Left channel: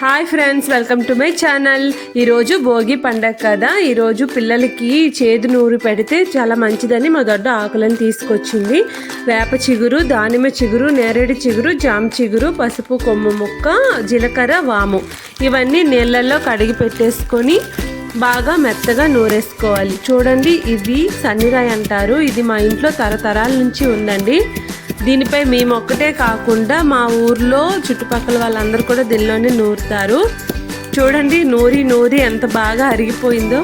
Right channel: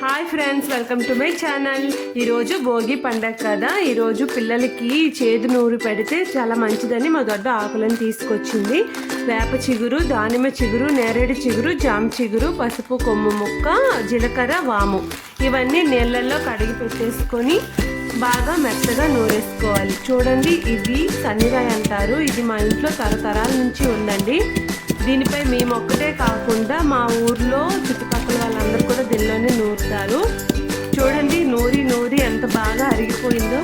Hi friends, welcome to my channel. ఈరోజు భోగి పండగ కదా. ఈరోజు పిల్లలకి చేదు నూరు పెడితే చాలా మంచిదని మా దొడ్డ ఆకులను తీసుకొచ్చింది. వేప చిగురు, దానిమ్మ చిగురు, నేరేడు చిగురు, జామ చిగురు, పసుపు కొమ్ము ముక్క, జీలకర్ర, వాము ఇవన్నీ నీళ్ళల్లో కడిగి పెట్టేసుకొని బాగా మెత్తగా నూరేసుకోవాలి. చూడండి, ఇవి సన్నిరాయి అంటారు. ఇది మా ఇంట్లో తరతరాల నుంచి ఉందండి. దీనిపై మేము ఒక్కటే కాకుండా మా ఊర్లో చుట్టుపక్కల వాళ్ళందరూ కూడా దీనిలోనే నూరుతారు. చూడండి, నూరి ఎంత బాగా అరిగిపోయిందో.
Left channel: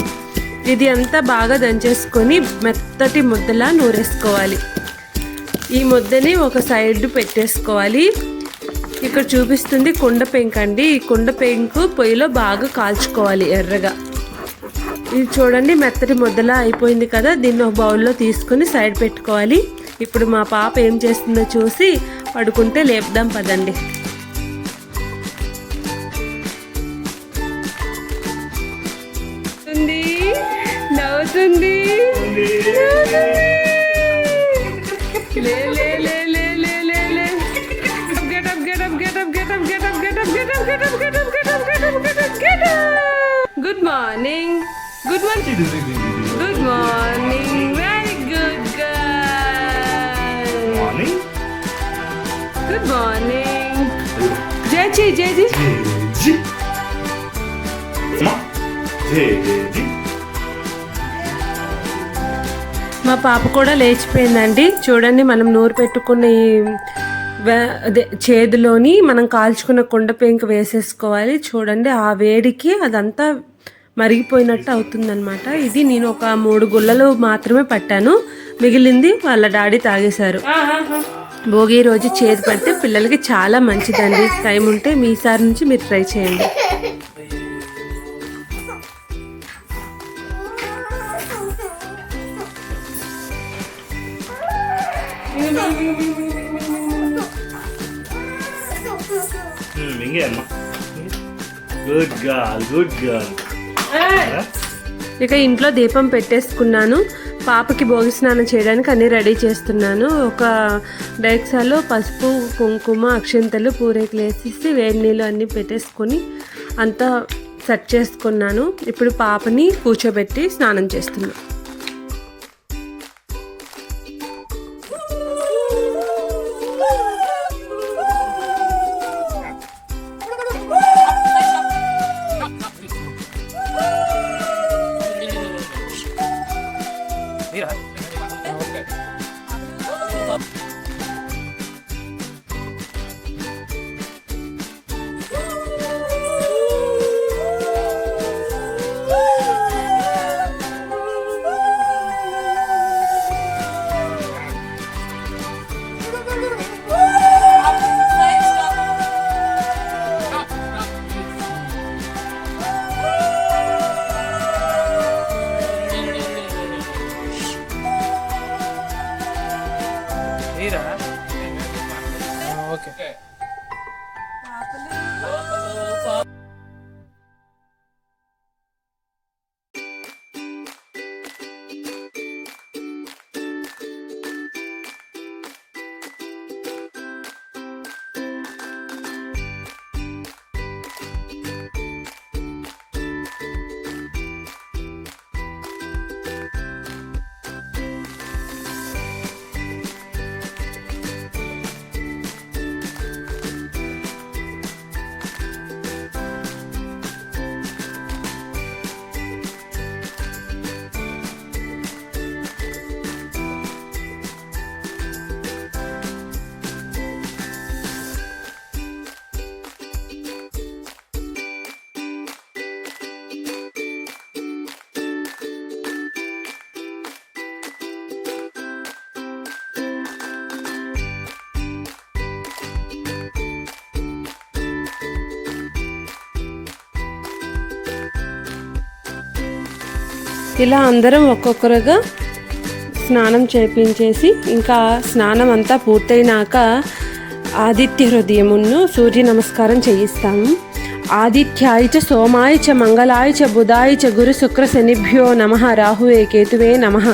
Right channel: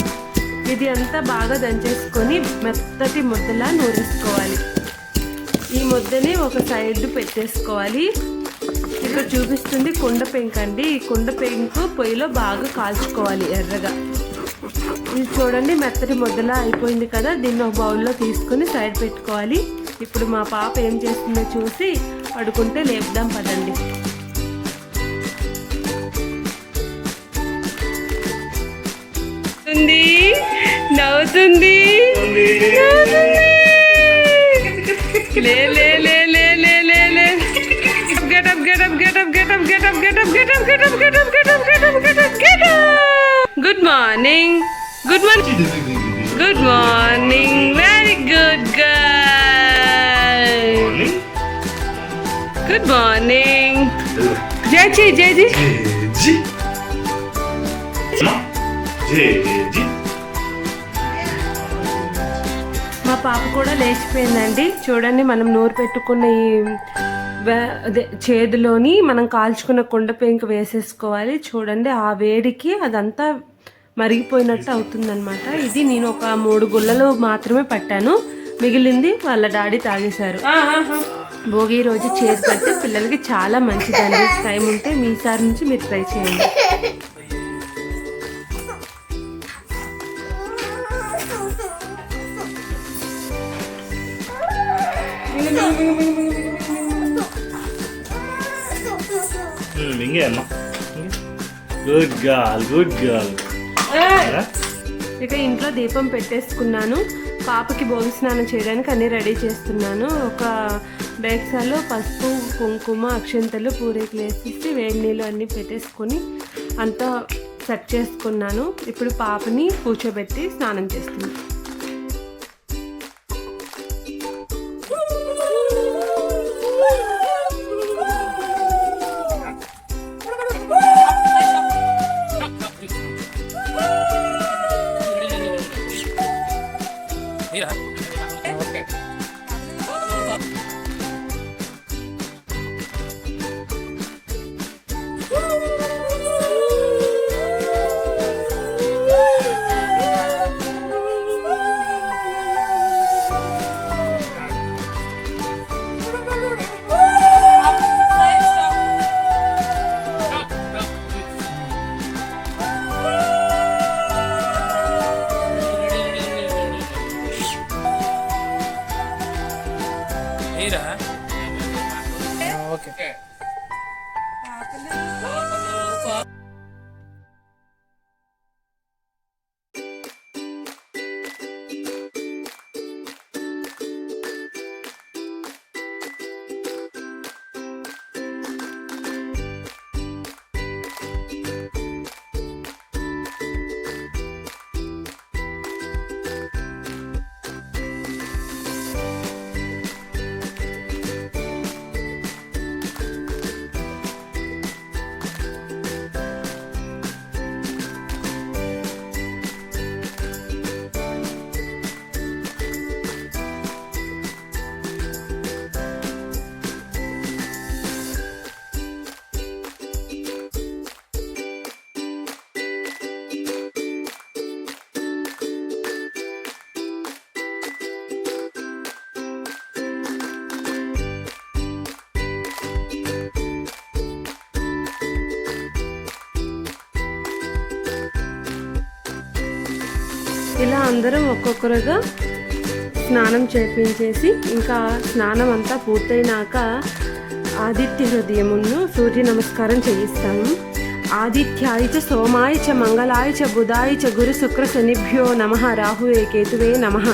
ఇది అంతా బాగా దంచేసుకొని మెత్తటి ముద్దలా నూరేసుకోవాలి. ఈ ముద్దని ఒక సైడ్ పెట్టేసుకోవాలి. ఇక్కడ చూపిస్తుంది కుండ పెంకు అండి. ఈ కుండ పెంకు పొయ్యిలో బాగా కాల్చుకోవాలి ఎర్రగా. ఇది చూడండి, మెత్తటి ముద్దలా అయిపోయింది కదా. దీన్ని ఒక బౌల్లో తీసుకొని సైడ్ పెట్టుకోవాలి. ఇప్పుడు మా పాప ఏం చేస్తుందో చూసి పడుకుంటే లేపుదాం పదండి. నవ్వుతుంది. లే లే లే లే లే లే లే. Get up, get up, get up, get up, get up, get up, get up, get up, get up, get up, get up, get up, get up. Good morning. Good morning. Good morning. Very good girl. Good morning. Jeji, Jeji. మా పాప కూడా లేచిపోయిందండి. చూడండి, మనం నూరు పెట్టుకున్న అదే చేదులోని మనం కాల్చుకున్న కుండ పెంకు వేసేసుకోవాలి. చూడండి, ఆ వేడికి అదంతా మరిగిపోయినట్టు అవుతుందన్నమాట. ఇది నేను ఒక 3 గుళ్ళలు మాత్రమే పట్టాను. మిగిలింది వాళ్ళ డాడీ తాగేశారు. భోగి రోజు చేదు పడితే పిల్లలకి చాలా మంచిదండి. టైం ఉంటే మీసారి నుంచి మీరు ట్రై చేయండి. Good girl, good girl. ఇక ఇంట్లో దీపం పెట్టేసుకున్నాను. పాపకి భోగి స్నానం చేయడానికి అన్నీ రెడీ చేస్తున్నాను. ఒక డైక్సాలో పసుపు, కుంకుమ, అక్షింతలు, పూరేకులు వేసేసి వేడి నీళ్ళు అన్నీ పెట్టేసుకొని అంతా సెట్ చేసుకున్నాను. ఇప్పుడు పాపని కూర్చోబెట్టి స్నానం చేస్తున్నాను. ఓకే. ఇలా అందరం ఒక్కొక్కరుగా స్నానం చేపించేసి ఇంకా స్నానం అంతా పూర్తయినాక ఆదిత్య హృదయమును సూర్య నమస్కారం చేయిస్తాము. ఆదిత్యాయ చ సోమాయ చ మంగళాయ చ బుధాయ చ గురు శుక్ర శనిభ్యో నమః రాహువే కేతువే నమః.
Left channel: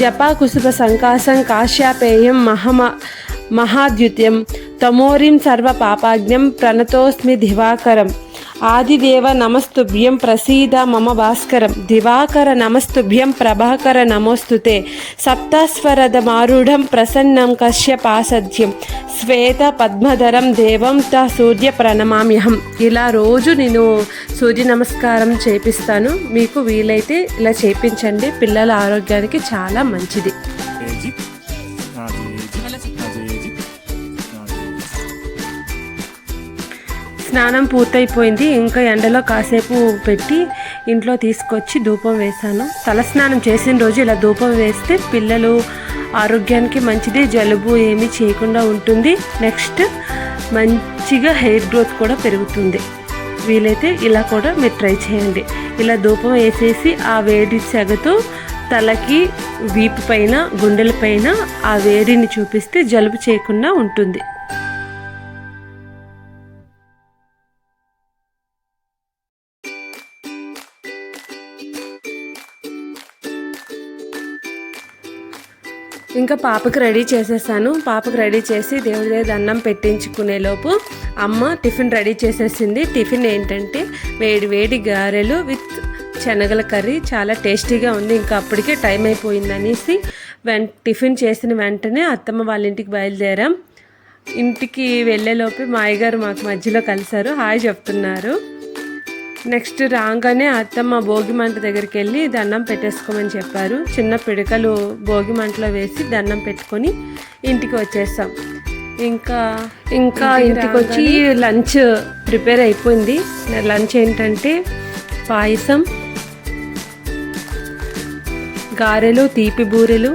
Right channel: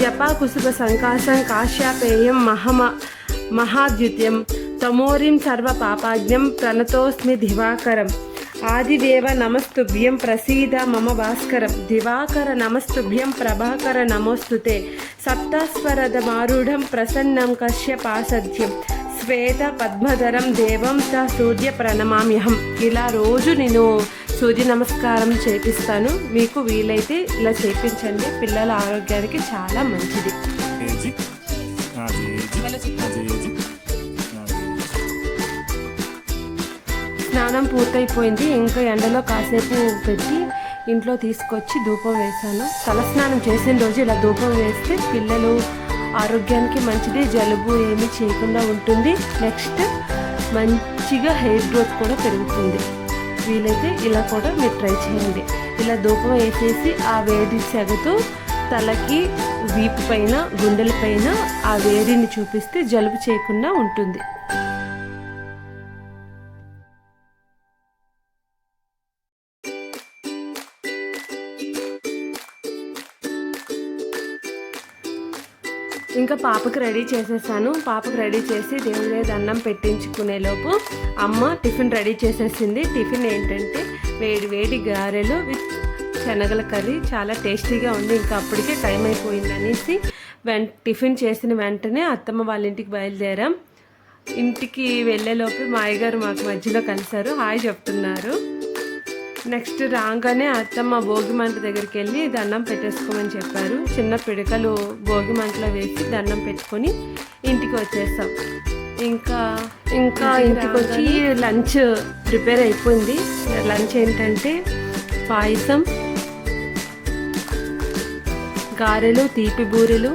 జపా కుసుమ సంకాసం కాశ్యాపేయం మహాద్యుత్యం తమోరిం సర్వ పాపాజ్ఞం ప్రణతోస్మి దివాకరం. ఆదిదేవ నమస్తుభ్యం ప్రసీద మమ భాస్కరం దివాకర నమస్తుభ్యం ప్రభాకర నమోస్తుతే సప్తస్వరద మారూఢం ప్రసన్నం కశ్యపాసద్యం శ్వేత పద్మధరం దేవం త సూర్య ప్రణమామ్యహం. ఇలా రోజు నేను సూర్య నమస్కారం చేపిస్తాను. మీకు వీలైతే ఇలా చేపించండి, పిల్లల ఆరోగ్యానికి చాలా మంచిది. స్నానం పూర్తయిపోయింది. ఇంకా ఎండలో కాసేపు పెట్టి ఇంట్లో తీసుకొచ్చి ధూపం వేశాను. తలస్నానం చేసిన రోజు ఇలా ధూపం వేస్తే పిల్లలు ఆరోగ్యానికి మంచిది, జలుబు ఏమీ చేయకుండా ఉంటుంది. నెక్స్ట్ మంచిగా హెయిర్ గ్రోత్ కూడా పెరుగుతుంది. వీలైతే ఇలా కూడా మీరు ట్రై చేయండి. ఇలా ధూపం వేసేసి ఆ వేడి సెగతో తలకి, వీపు పైన, గుండెల పైన ఆ వేడిని చూపిస్తే జలుబు చేయకుండా ఉంటుంది. ఇంకా పాపకు రెడీ చేసేసాను. పాపకు రెడీ చేసి దేవుడి దగ్గర దండం పెట్టించుకునే లోపు అమ్మ టిఫిన్ రెడీ చేసేసింది. టిఫిన్ ఏంటంటే వేడి వేడి గారెలు విత్ శనగల కర్రీ. చాలా టేస్టీగా ఉంది. ఇంకా అప్పటికే టైం అయిపోయింది అనేసి టిఫిన్ చేసిన వెంటనే అత్తమ్మ వాళ్ళ ఇంటికి బయలుదేరాం. ఇంటికి వెళ్ళేలోపు మా అయ్యగారు మాకు మధ్యలో కలిశారు, హాయ్ చెప్తున్నారు. నెక్స్ట్ రాగానే అత్తమ్మ భోగి మంట దగ్గరికి వెళ్ళి దండం పెట్టేసుకోమని చెప్పారు. చిన్న పిడకలు భోగి మంటలో వేసి దండం పెట్టుకొని ఇంటికి వచ్చేసాం. ఇంకా ఇంటికి వచ్చి లంచ్ ప్రిపేర్ అయిపోయింది. లంచ్ ఏంటంటే పాయసం, గారెలు, తీపి బూరెలు,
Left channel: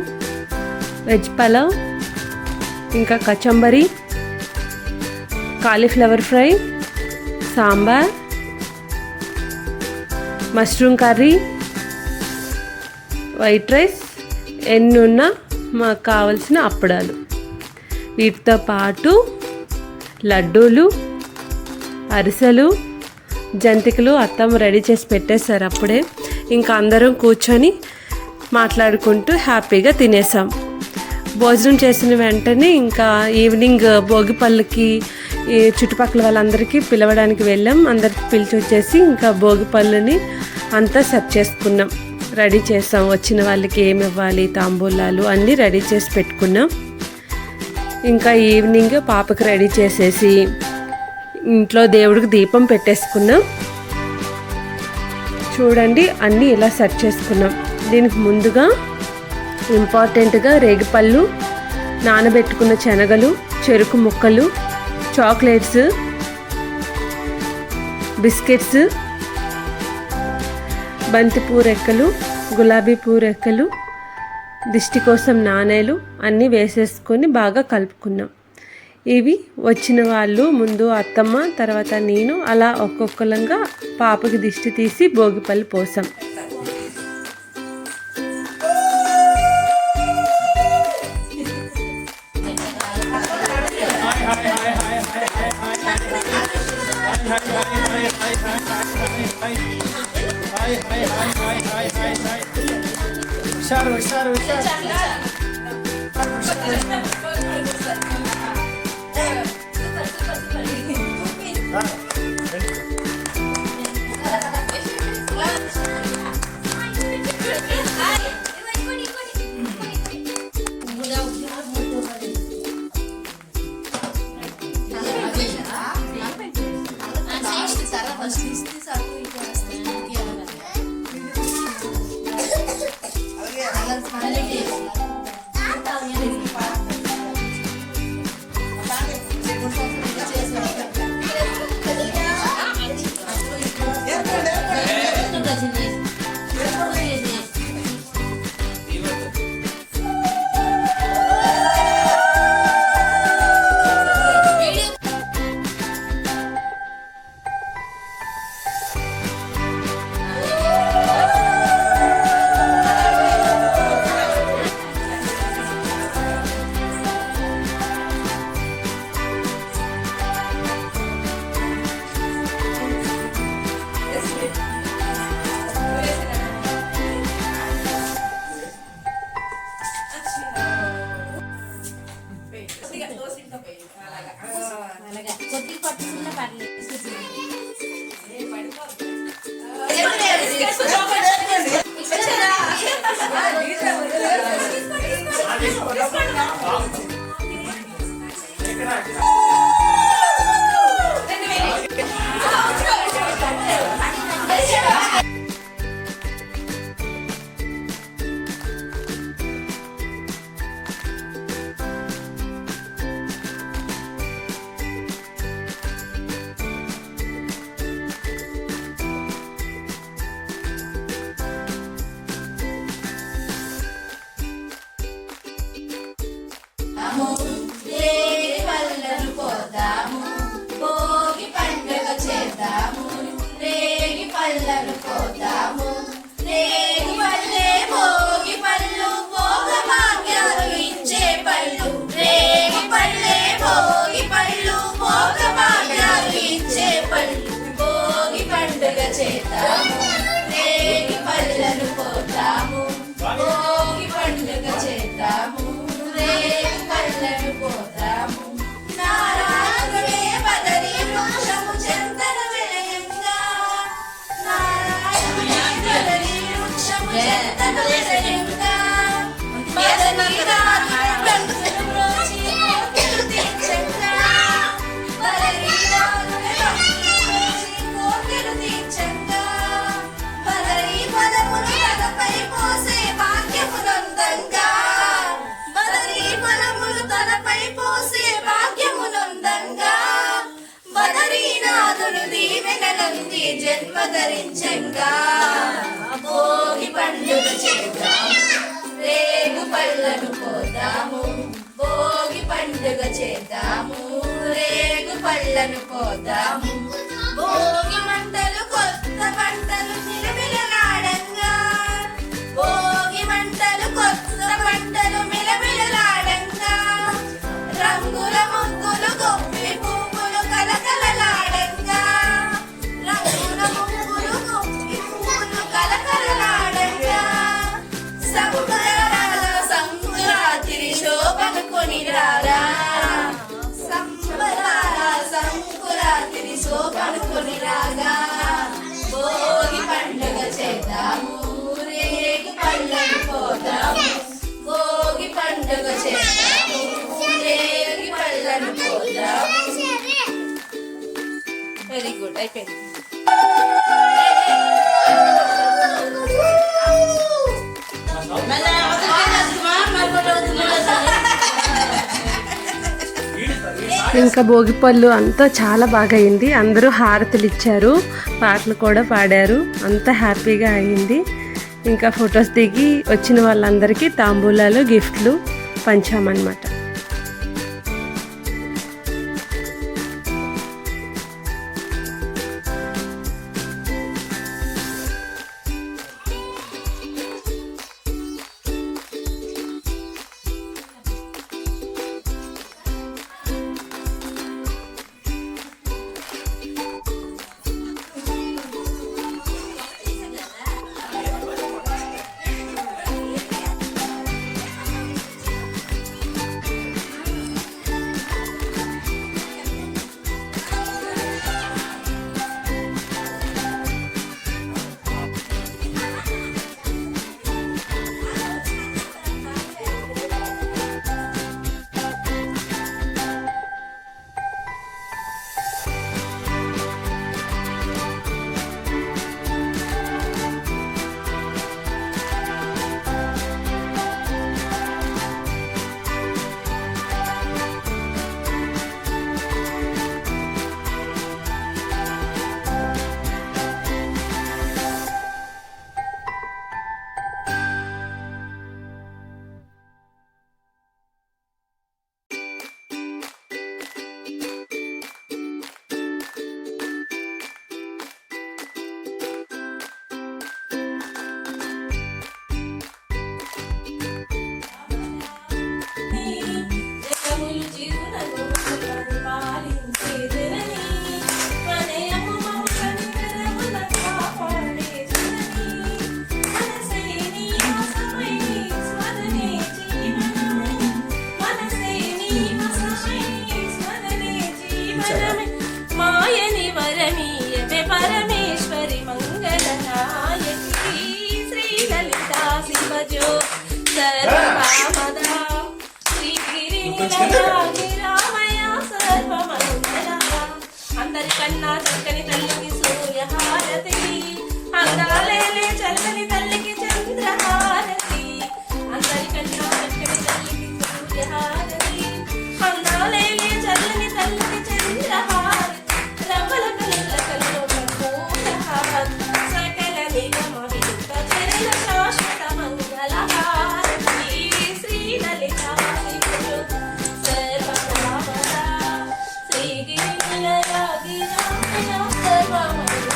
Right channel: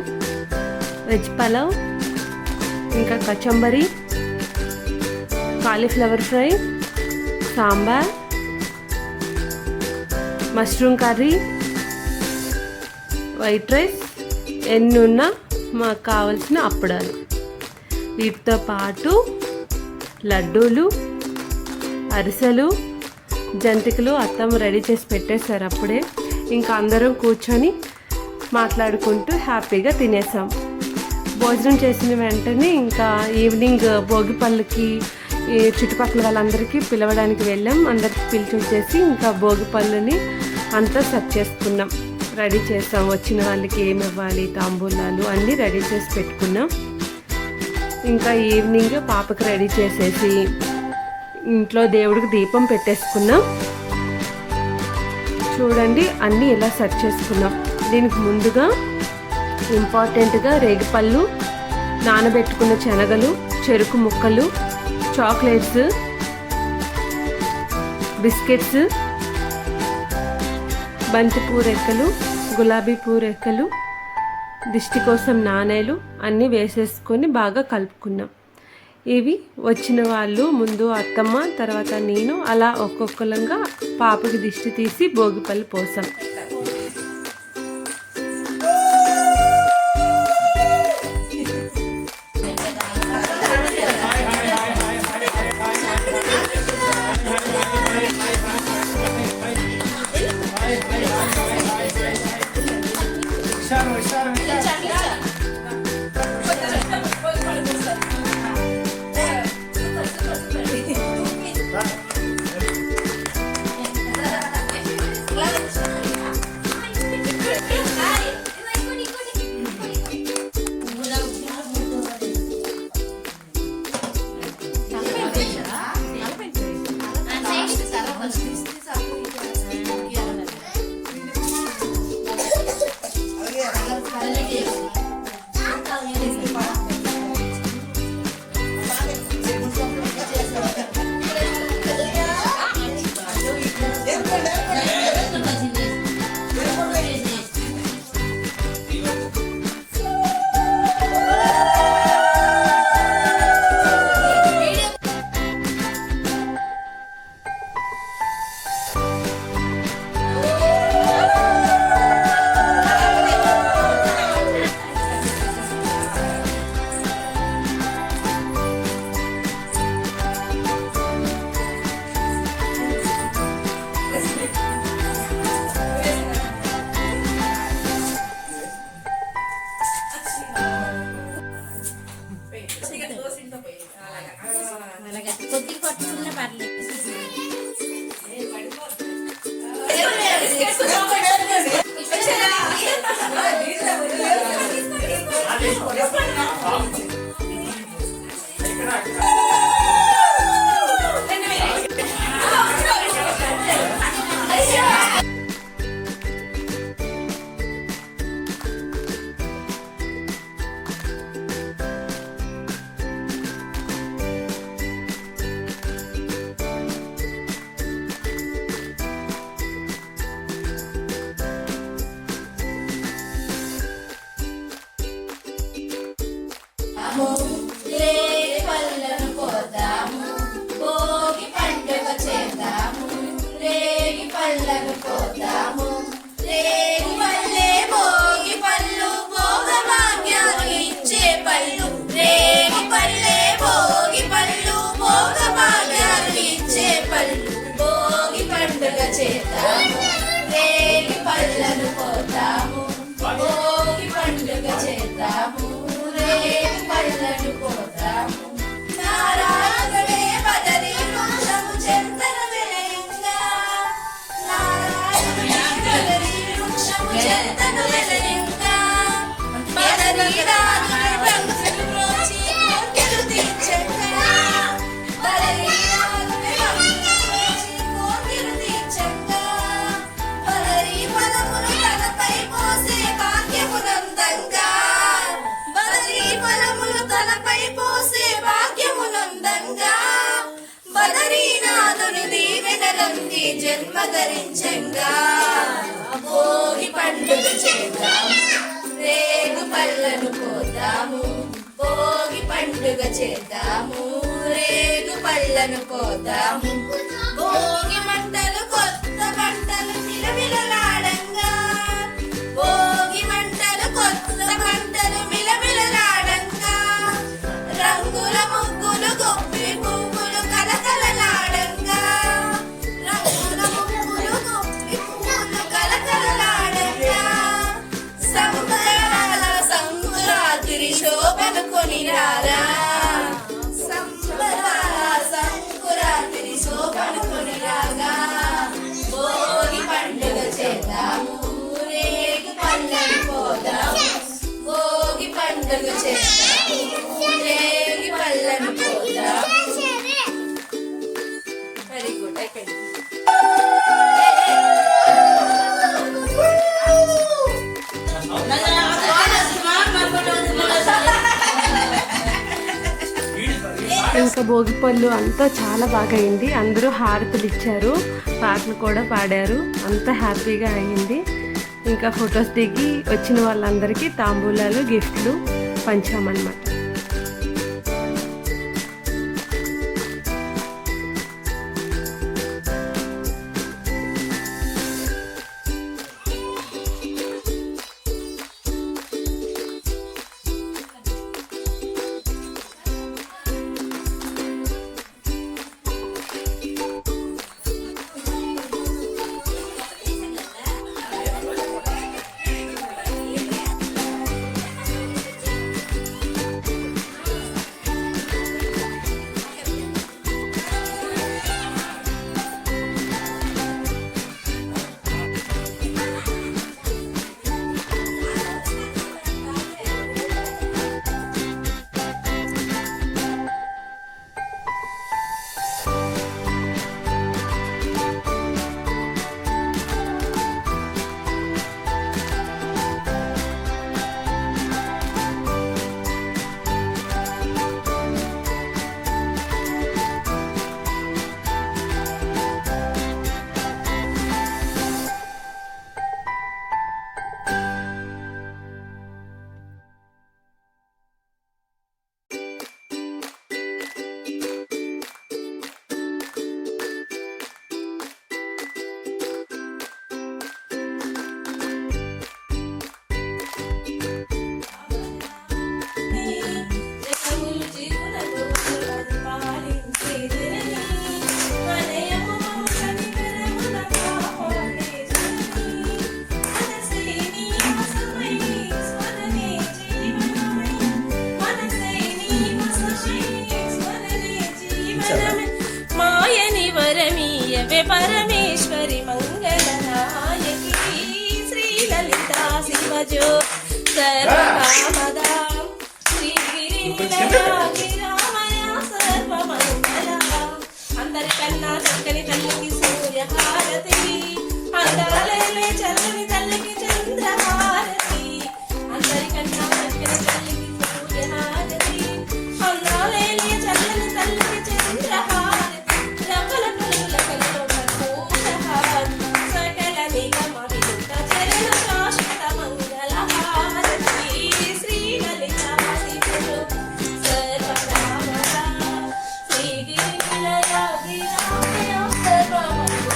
వెజ్ పలావ్, ఇంకా కచంబరి, cauliflower fry, sambar, mushroom curry, white rice, ఎన్నున్నా మాకు కావలసిన అప్పడాలు. వీటితో పాటు లడ్డూలు, అరిసెలు, జంతికలు అత్తమ్మ రెడీ చేసి పెట్టేశారు అప్పుడే. ఇంకా అందరం కూర్చొని మాట్లాడుకుంటూ హ్యాపీగా తినేసాం. భోజనం చేసిన వెంటనే ఇంకా ఈవినింగ్ భోగిపళ్ళకి చుట్టుపక్కల వాళ్ళందరికీ పిలవడానికి వెళ్ళాం. అందరికి పిలిచి వచ్చేసి ఇంకా భోగిపళ్ళని అంతా సెట్ చేసుకున్నాం, రెడీ చేసాం. వచ్చిన వాళ్ళకి ఏమి ఇవ్వాలి, తాంబూలాలు అన్నీ రెడీ చేసి పెట్టుకున్నాం. ఇంకా ఈవినింగ్ పాపకి రెడీ చేసేసి ఇంట్లో దేవుడికి దీపం పెట్టేసుకున్నాం. చూడండి అన్నీ ఇలా సెట్ చేసుకున్నాం. దీనికి ముందుగా ఇంపార్టెంట్గా రేగిపళ్ళు, నానబెట్టుకున్న శనగలు, చెరుకు ముక్కలు, చాక్లెట్స్, బిస్కెట్స్, బంతిపూ రెక్కలు, గులాబీ పూ రెక్కలు, దిష్టి కోసం నాణేలు అన్నీ వేసేసుకొని బాగా కలుపుకున్నాం. ఇవి వచ్చిన వాళ్ళు ముందు అత్తమ్మ, తర్వాత నేను, అలా ఒక్కొక్కలంగా పాపకి దిష్టి తీసి భోగిపళ్ళు పోసాం. రేగి పళ్ళను కోద్దాము భోగి పండుగ చేద్దాము రేగి పళ్ళను కోద్దాము రేగి పళ్ళే భోగి పళ్ళు భోగభాగ్యాలు ఇచ్చే పళ్ళు రేగి పళ్ళే భోగి పళ్ళు భోగభాగ్యాలు ఇచ్చే పళ్ళు భోగి పండుగ చేద్దాము రేగి పళ్ళను కోద్దాము భోగి పండుగ చేద్దాము పళ్ళను పోతాము నారాయణుడే బదరి వృక్షము చెంతను వెలయంగా నారాయణుడే బదరి వృక్షము చెంతను వెలయంగా బదరి రాజుని బంధువులు బ్రోచి కోర్కెలు తీర్చంగా బదరి రాజుని బంధువులు బ్రోచి కోర్కెలు తీర్చంగా బదరి పదములు తలపై పోసే భాగ్యమునందంగా తలపై పోసే భాగ్యమునందంగా బదరీనాథుని దీవెనలంది జన్మ ధరించంగా భోగి పండుగ చేద్దాము రేగు పళ్ళను కోద్దాము భోగి పండుగ చేద్దాము రేగు పళ్ళను కోద్దాము భోగి మంటలు కొత్త పంటలు మిలమిలలాడంగా భోగి మంటలు కొత్త పంటలు మిలమిలలాడంగా రంగుల ముగ్గులు గొప్పి పువ్వులు కలకలలాడంగా రంగుల ముగ్గులు గొప్పి పువ్వులు కలకలలాడంగా సంకురాత్రి శోభను కొని రారా సంకురాత్రి శోభను కొని రాగా భోగి పండుగ చేద్దాము రేగి పళ్ళను పోదాము భోగి పండుగ చేద్దాము రేగి పళ్ళను పోదాము వెరీ గుడ్ అయిపోయింది ఇంకా భోగిపళ్ళు అంతా చాలా బాగా అయింది. అందరూ హారతులు ఇచ్చారు, పాటలు కూడా పాడారు, అంతా హ్యాపీగా అయింది. ఇంకా ఫొటోస్ దిగి వచ్చిన వాళ్ళందరికీ తాంబూలాలు గిఫ్ట్లు పంచామన్నమాట. రోజు సర్వకామదా శ్రీగిరి రామయ సర్వమంగళ అందరికన్నా చక్కని తల్లికి సూర్యహారతి అందాలేనే చల్లని తల్లికి చంద్రహారతి అందరికన్నా చక్కని తల్లికి సూర్యహారతి అందాలేనే చల్లని తల్లికి చంద్రహారతి రమల కల్ల కల్లో కర్పూరహారతి సకల నిగమ విలుత చరణ శాశ్వత మంగళహారతి శ్రీలలితాది గురు సర్వకామదా శ్రీగిరి నిలయాగి రామయ సర్వమంగళ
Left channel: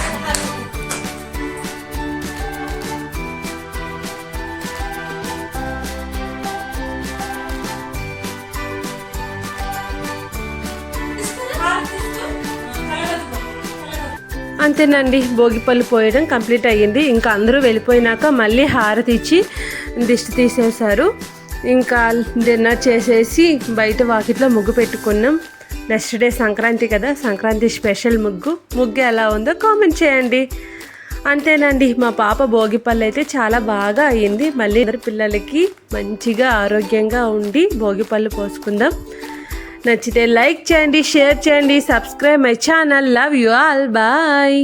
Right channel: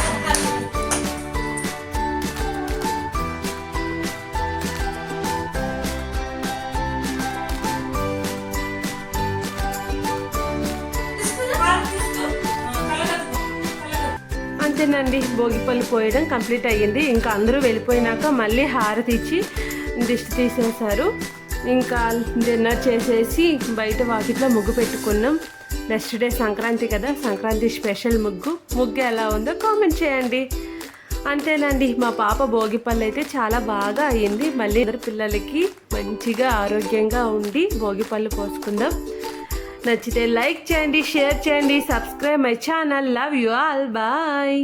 అంతేనండి, భోగిపళ్ళు పోయడం కంప్లీట్ అయ్యింది. ఇంకా అందరూ వెళ్ళిపోయినాక మళ్ళీ హారతి ఇచ్చి దిష్టి తీసేశారు. ఇంకా డిన్నర్ చేసేసి బయట వాకిట్లో ముగ్గు పెట్టుకున్నాం. నెక్స్ట్ డే సంక్రాంతి కదా, సంక్రాంతి స్పెషల్ ముగ్గు ఎలా ఉందో కామెంట్ చేయండి. అంతేనండి, మా పాప భోగిపళ్ళు అయితే చాలా బాగా అయ్యింది. మళ్ళీ అందరి పిల్లలకి మంచిగా ఆరోగ్యంగా ఉండి భోగిపళ్ళు పోసుకుందాం. నచ్చితే లైక్ చేయండి, షేర్ చేయండి, subscribe my channel. Love you all, bye.